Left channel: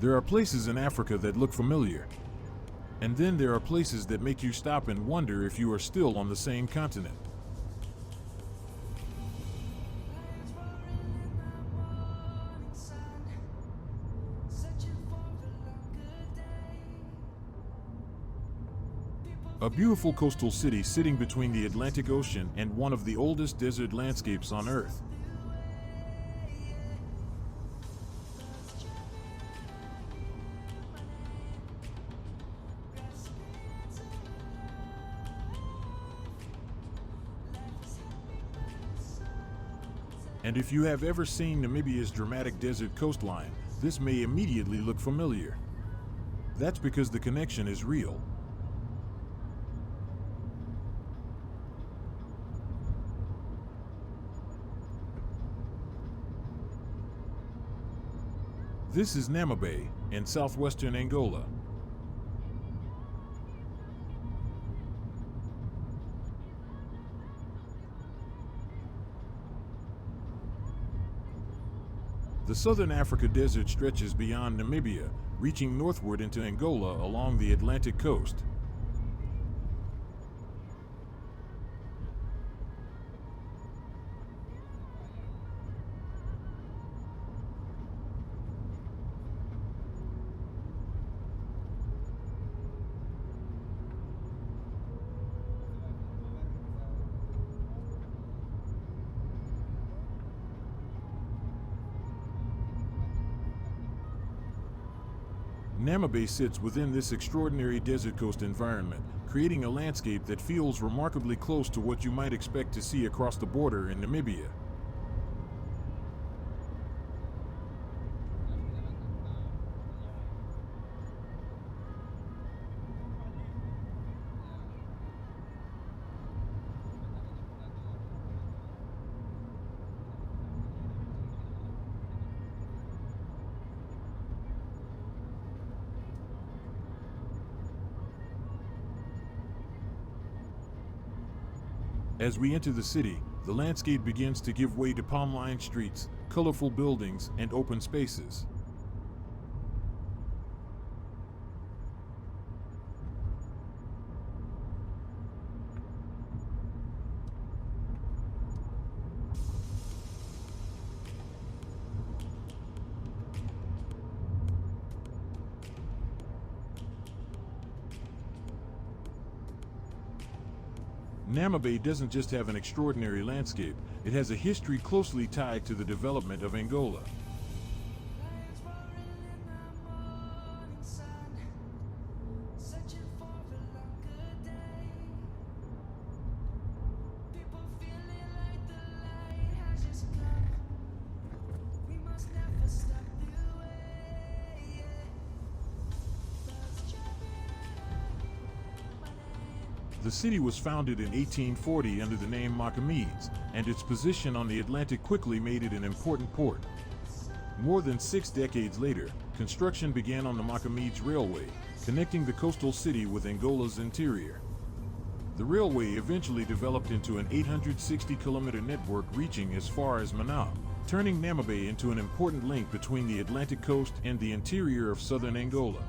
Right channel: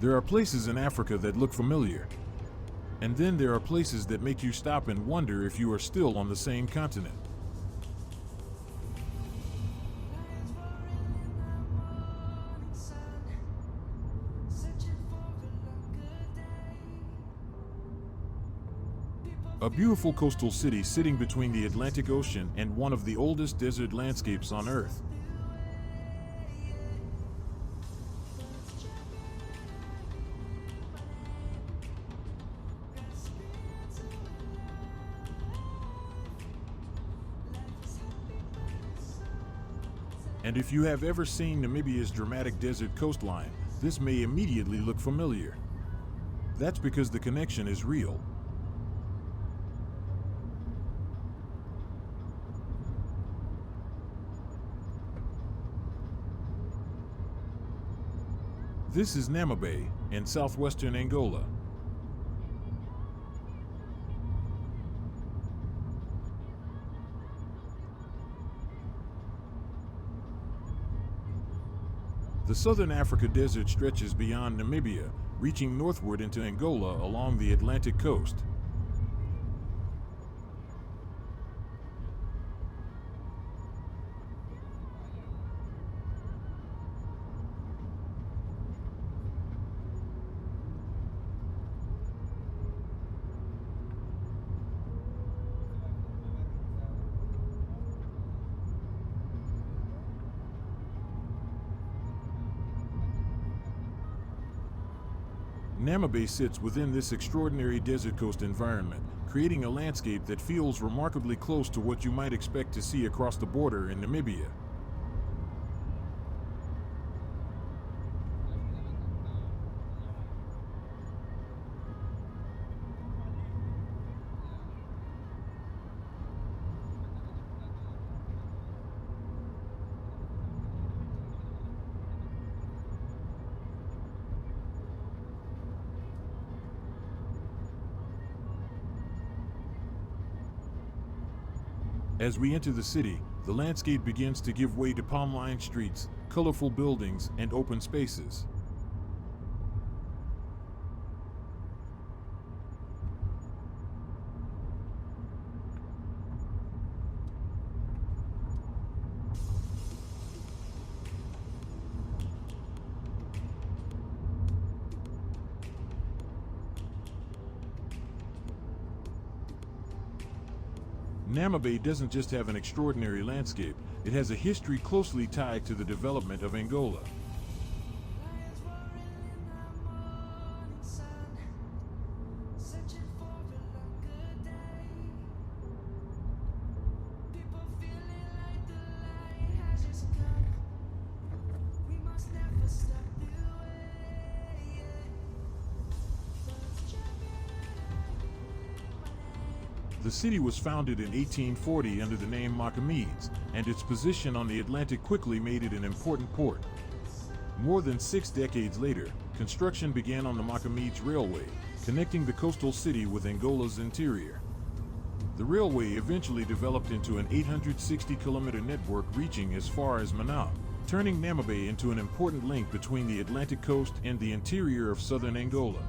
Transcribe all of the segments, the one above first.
There are places in Africa that look familiar. And then there are places that make you stop and wonder if you are still on the same continent. A beautiful coastal city sitting between the Atlantic Ocean and one of the oldest desert landscapes on Earth. And if you have ever seen Namibia's dramatic desert coastline, this may immediately look familiar. That's because the connection is real. This is Namibe, in southwestern Angola. The southern Africa desert stretches beyond Namibia, reaching northward into Angola along the Atlantic coast. Namibe sits within this extraordinary desert coast environment, creating a landscape that feels remarkably close to what you might expect to see across the border in Namibia. As we enter the city, the landscape begins to give way to palm-lined streets, colorful buildings, and open spaces. Namibe doesn't just have an extraordinary landscape, it has a history closely tied to the development of Angola. The city was founded in 1840 under the name Portuguese, and its position on the Atlantic quickly made it an important port. More than 6 decades later, construction began on the Portuguese Railway, connecting the coastal city with Angola's interior. The railway eventually developed into an 860-kilometer network reaching as far as Namib, turning Namibe into an important link between the Atlantic coast and the interior of southern Angola.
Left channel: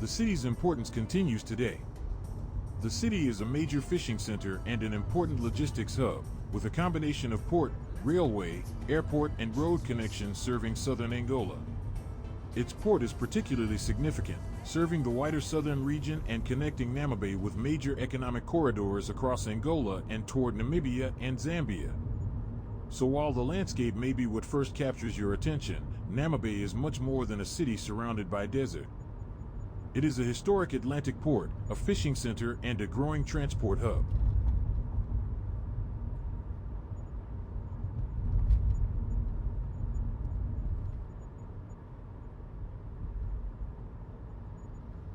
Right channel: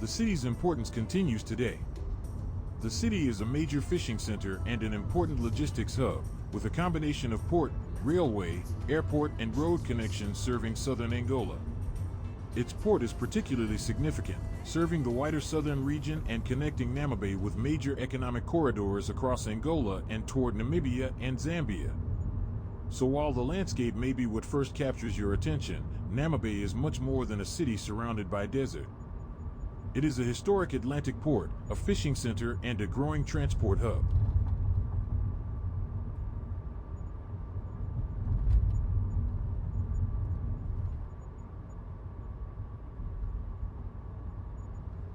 The city's importance continues today. The city is a major fishing center and an important logistics hub, with a combination of port, railway, airport, and road connections serving southern Angola. Its port is particularly significant, serving the wider southern region and connecting Namibe with major economic corridors across Angola and toward Namibia and Zambia. So while the landscape may be what first captures your attention, Namibe is much more than a city surrounded by desert. It is a historic Atlantic port, a fishing center, and a growing transport hub.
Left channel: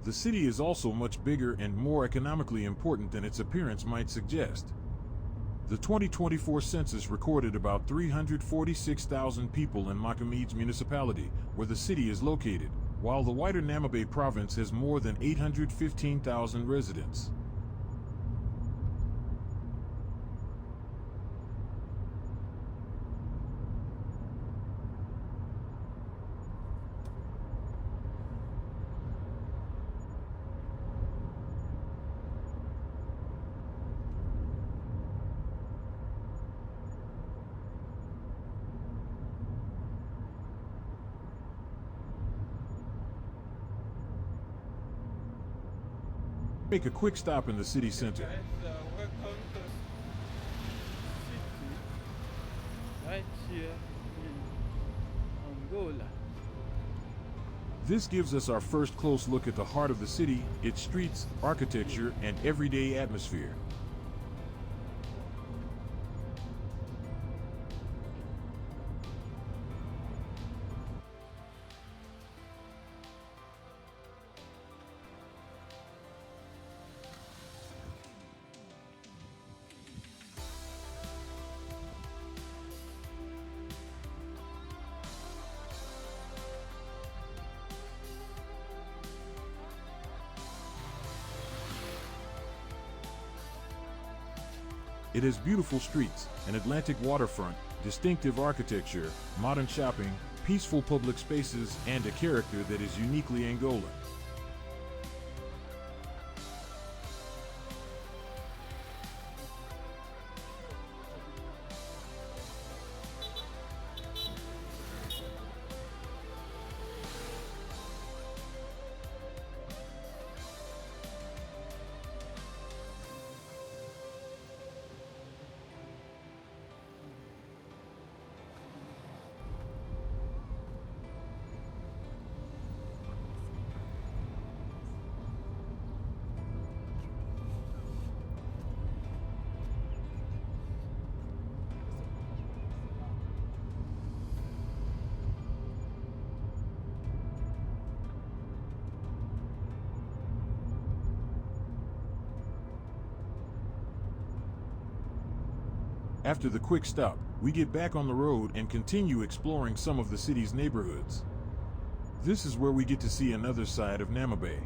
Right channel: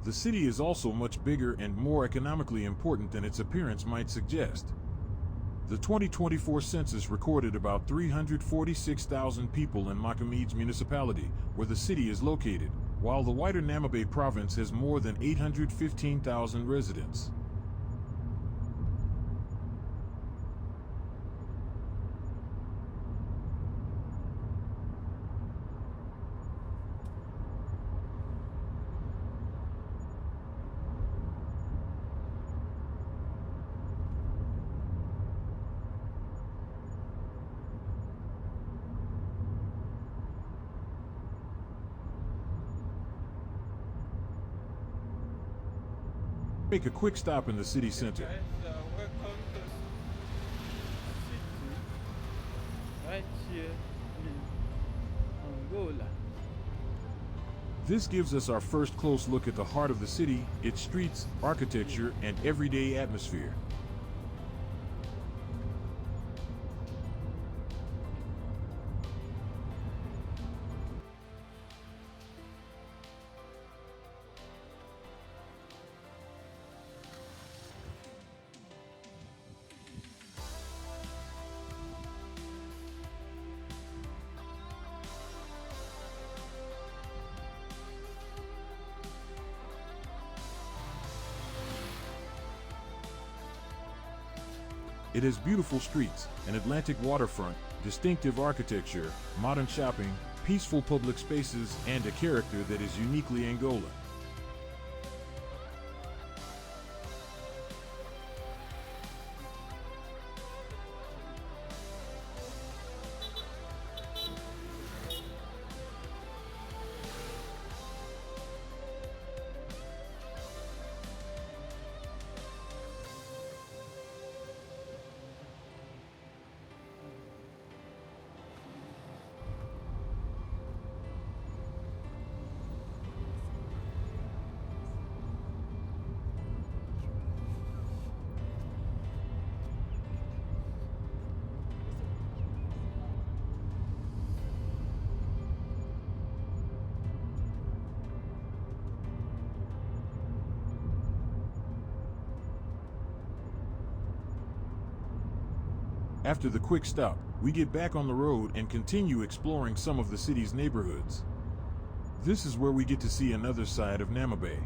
The city is also much bigger and more economically important than its appearance might suggest. The 2024 census recorded about 346,000 people in Namibe's municipality, where the city is located, while the wider Namibe province has more than 815,000 residents. Make a quick stop in the city center. Guys, welcome to city right here in Angola. This gives us our first close look at the heart of the city, its streets, architecture, and everyday atmosphere. It has beautiful streets, an Atlantic waterfront, distinctive architecture, modern shopping, peaceful public spaces, and a character that is uniquely Angolan. After the quick stop, we get back on the road and continue exploring some of the city's neighborhoods. This is where we get to see another side of Namibe.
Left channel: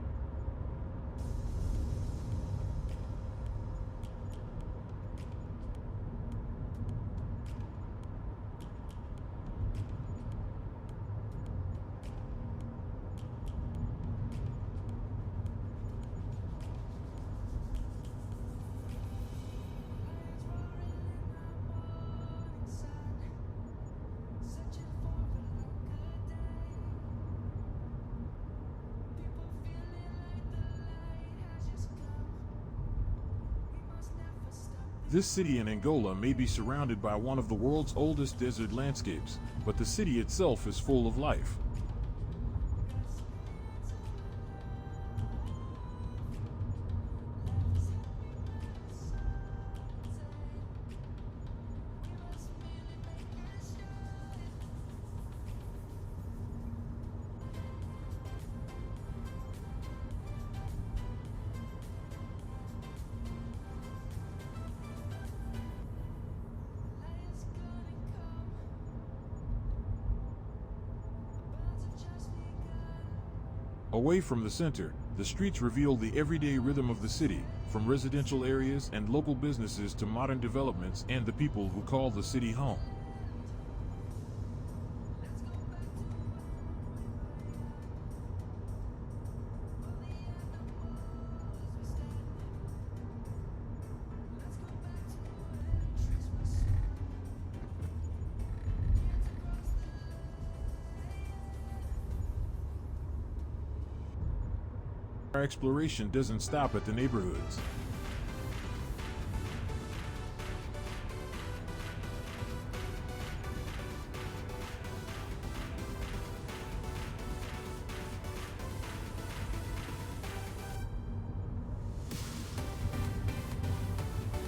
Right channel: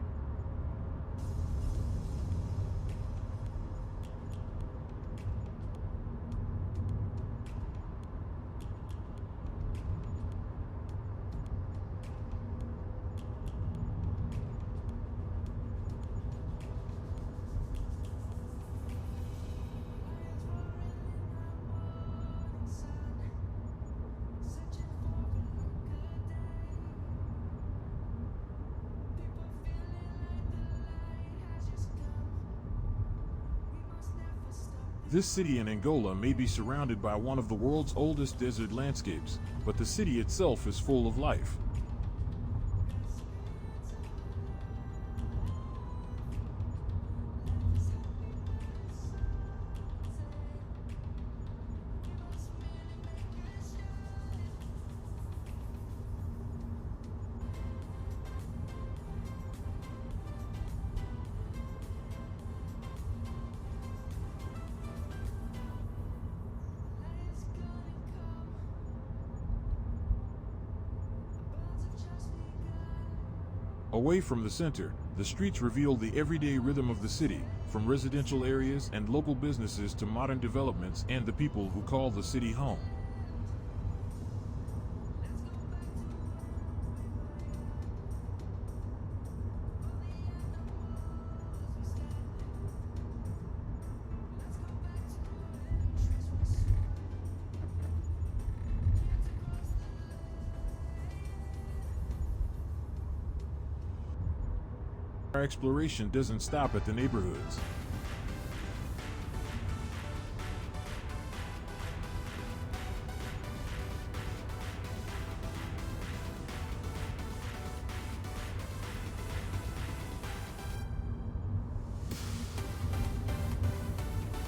This city in Angola may be surrounded by one of the world's oldest desert landscapes, but the city itself is full of life. Away from the center, the streets reveal the everyday rhythm of the city, from residential areas and local businesses to modern developments and the people who call the city home. Our exploration doesn't stop at the neighborhoods.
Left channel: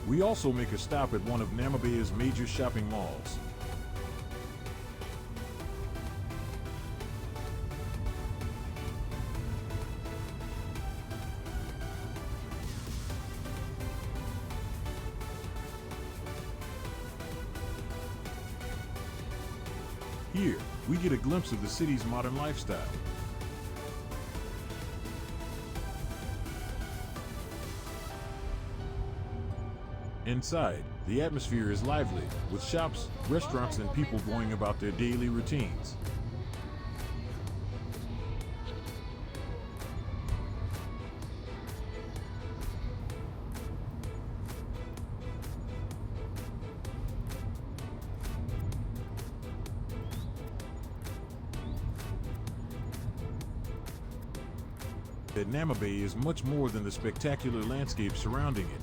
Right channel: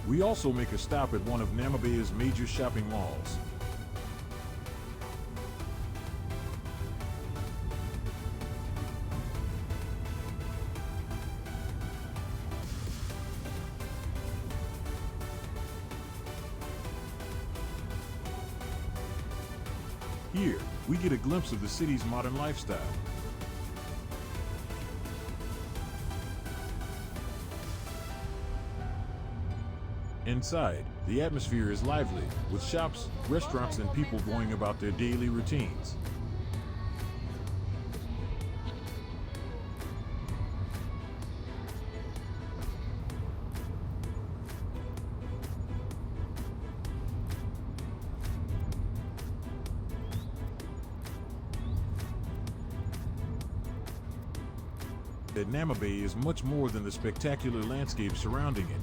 We also make a stop at one of Namibia's major shopping malls. Here, we get a glimpse of the city's modern lifestyle. Inside, the atmosphere is lively, with shops, restaurants, and people going about their daily routines. That Namibe is much more than the spectacular landscape surrounding it.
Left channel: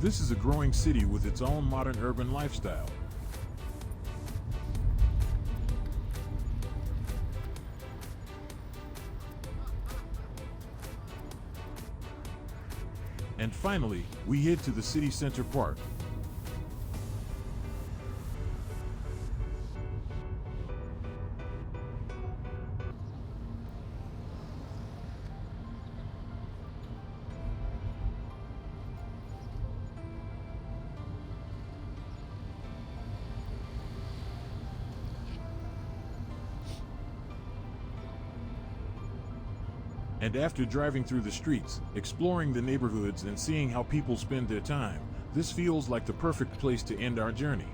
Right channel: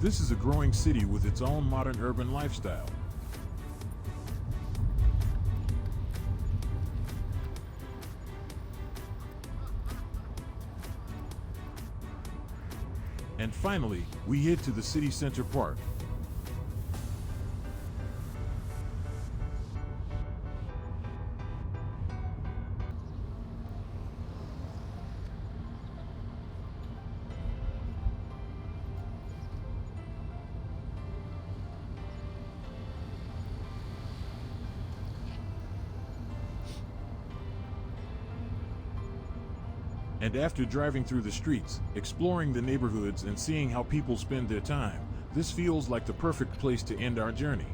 This is a growing city with its own modern urban lifestyle. And finally, we head to the city center park. And after driving through the streets, exploring the neighborhoods, and seeing how people spend their time, this feels like the perfect place to end our journey.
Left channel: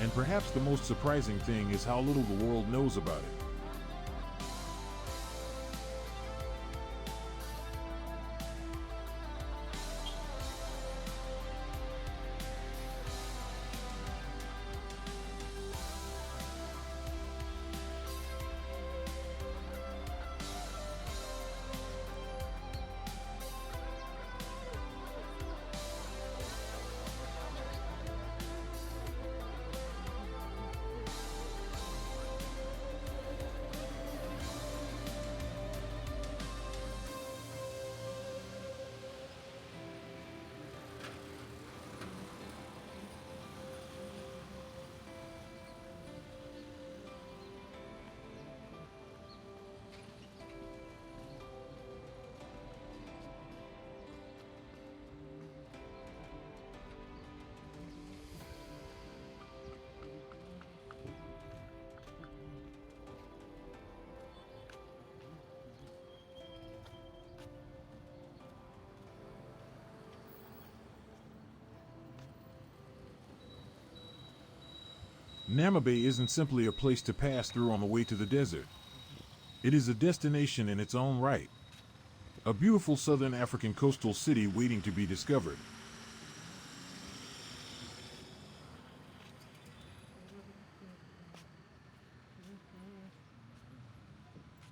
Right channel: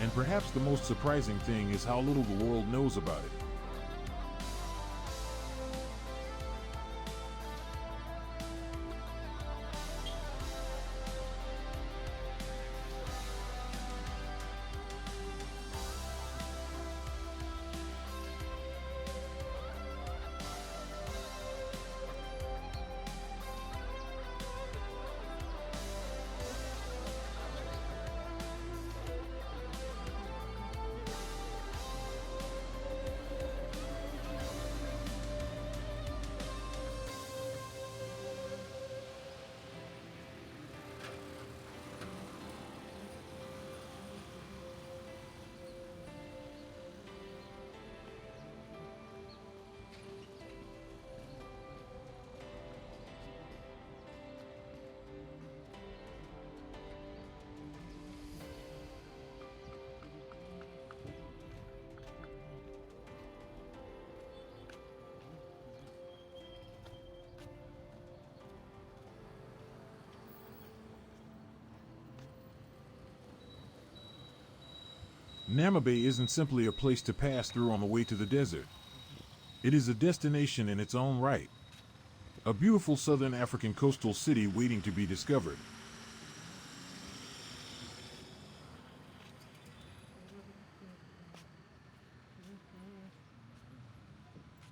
And perhaps the most surprising thing is how little the world knows about it. Namibe isn't simply a place to pass through on the way to the desert. It is a destination in its own right. A beautiful southern African coastal city waiting to be discovered.